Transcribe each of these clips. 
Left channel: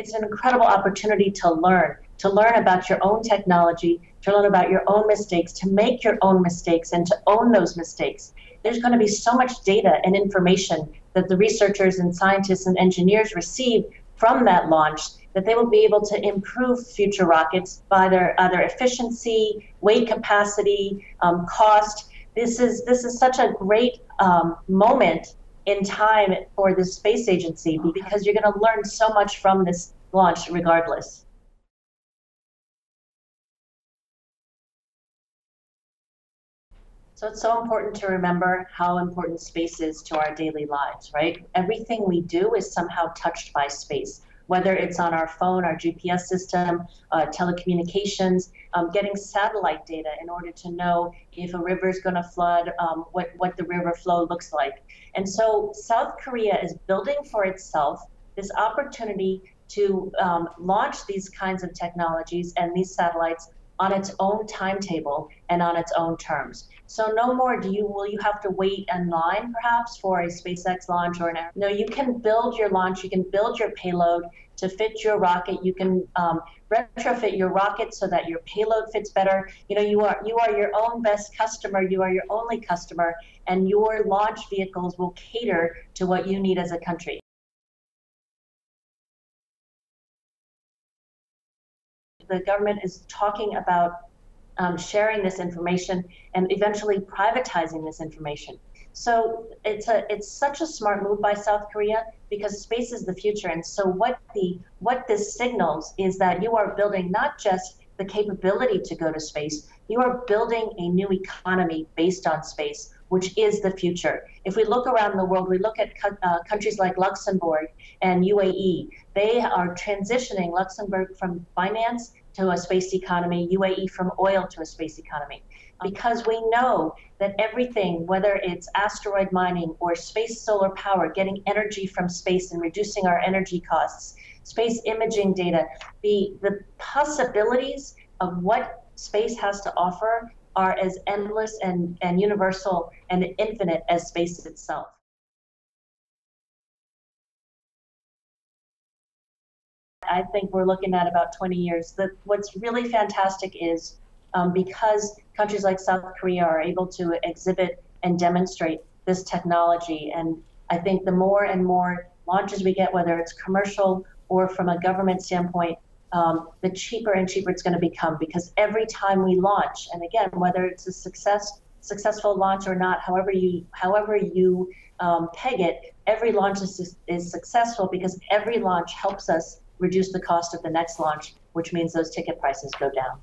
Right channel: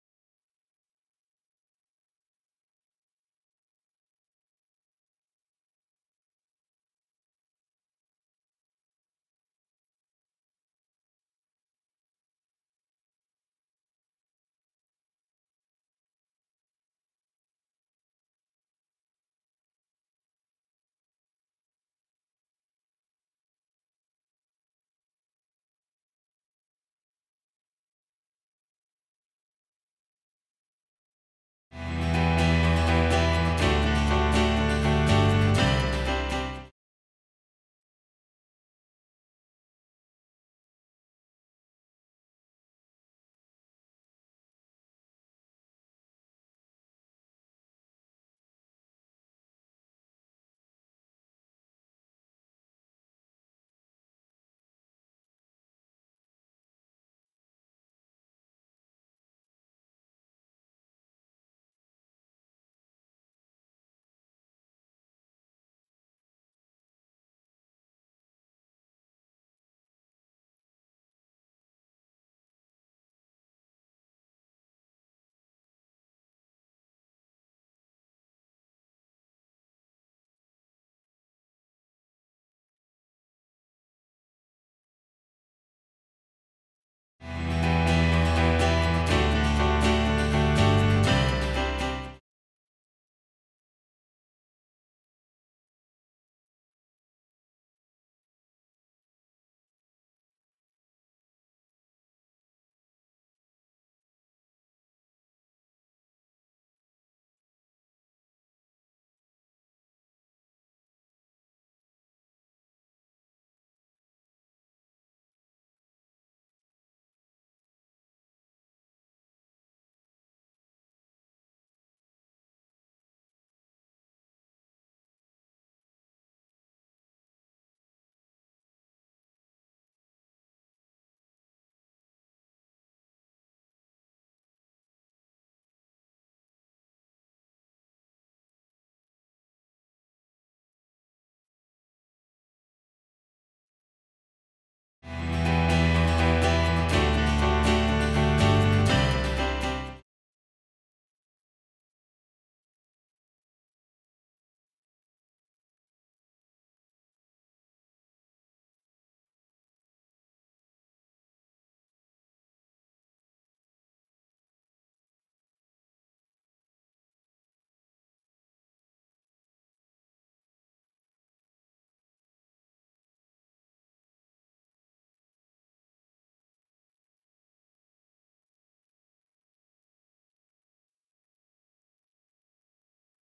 it's an incredible opportunity to learn about your own technology, to learn about your own mistakes, to make your own mistakes, and to own those mistakes. There's going to be so much data and information that the researchers and scientists and engineers receive from that launch that they will be able to improve future rockets by their efficiency, weight capacity, cost. This is such a great moment in time for the space agency because you're going to learn so much from this launch regardless. So it's so important to remember how important space is to our daily lives, right? Everything we do is somehow touched by space, whether it's on our phone, our GPS system, telecommunications, getting satellite data in order to know if a river is going to flood, what the river flow looks like. And so South Korea is building for itself this opportunity to launch these kinds of technologies and these satellites on its own timetable and on its own terms. So no more will you have to wait in line perhaps for a SpaceX launch or no, you can build your launch, you can build your payload to fit your rocket, you can retrofit your rocket so that your payload fits better. You know, you are your own best customer, you are your only customer, and your launch vehicles will cater to what you need as a country. The government is talking about sharing this information and eventually privatizing this information. So it's such a smart move by South Korea because space is the future. And so what this signals is that you are building not just the capability to go to space, you are building a new economy based on space, which is the future. If we look around the world, we look at countries like Luxembourg and UAE. They are transitioning Luxembourg from finance to a space economy, UAE from oil to a space economy. Because we know that everything, whether it's asteroid mining or space solar power, getting energy from space and reducing our energy costs, space imaging data, the possibilities of what space has to offer are as endless and universal and infinite as space itself. I think we're looking at about 20 years. What's really fantastic is because countries like South Korea are able to exhibit and demonstrate this technology, and I think the more and more launches we get, whether it's commercial or from a government standpoint, the cheaper and cheaper it's going to become, because every time we launch, and again, whether it's a successful launch or not, however you peg it, every launch is successful because every launch helps us reduce the cost of the next launch, which means those ticket prices go down.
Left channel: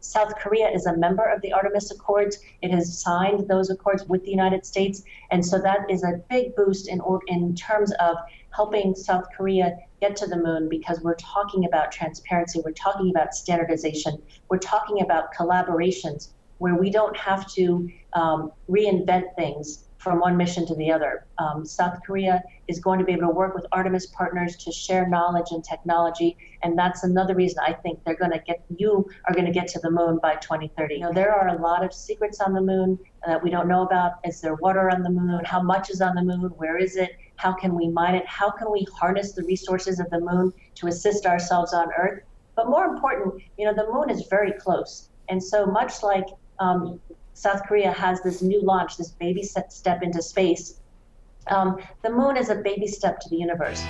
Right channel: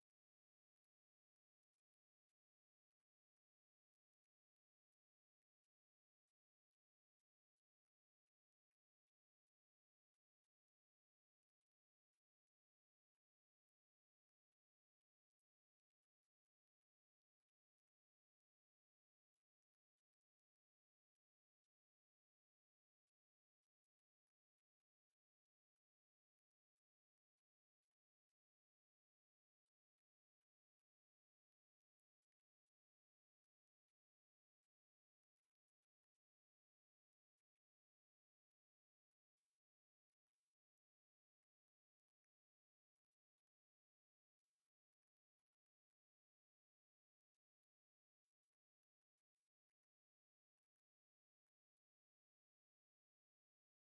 South Korea is a member of the Artemis Accords. It has signed those accords with the United States, and so that is a big boost in terms of helping South Korea get to the moon, because we're talking about transparency, we're talking about standardization, we're talking about collaborations where we don't have to reinvent things from one mission to the other. South Korea is going to be able to work with Artemis partners to share knowledge and technology, and that's another reason I think you are going to get to the moon by 2030. You know, there are a lot of secrets on the moon that we don't know about. Is there water on the moon? How much is on the moon? Where is it? How can we mine it? How can we harness the resources of the moon to assist ourselves on Earth? But more important, you know, the moon is very close, and so much like South Korea has this new launch, this baby step into space. The moon is a baby step to the universe.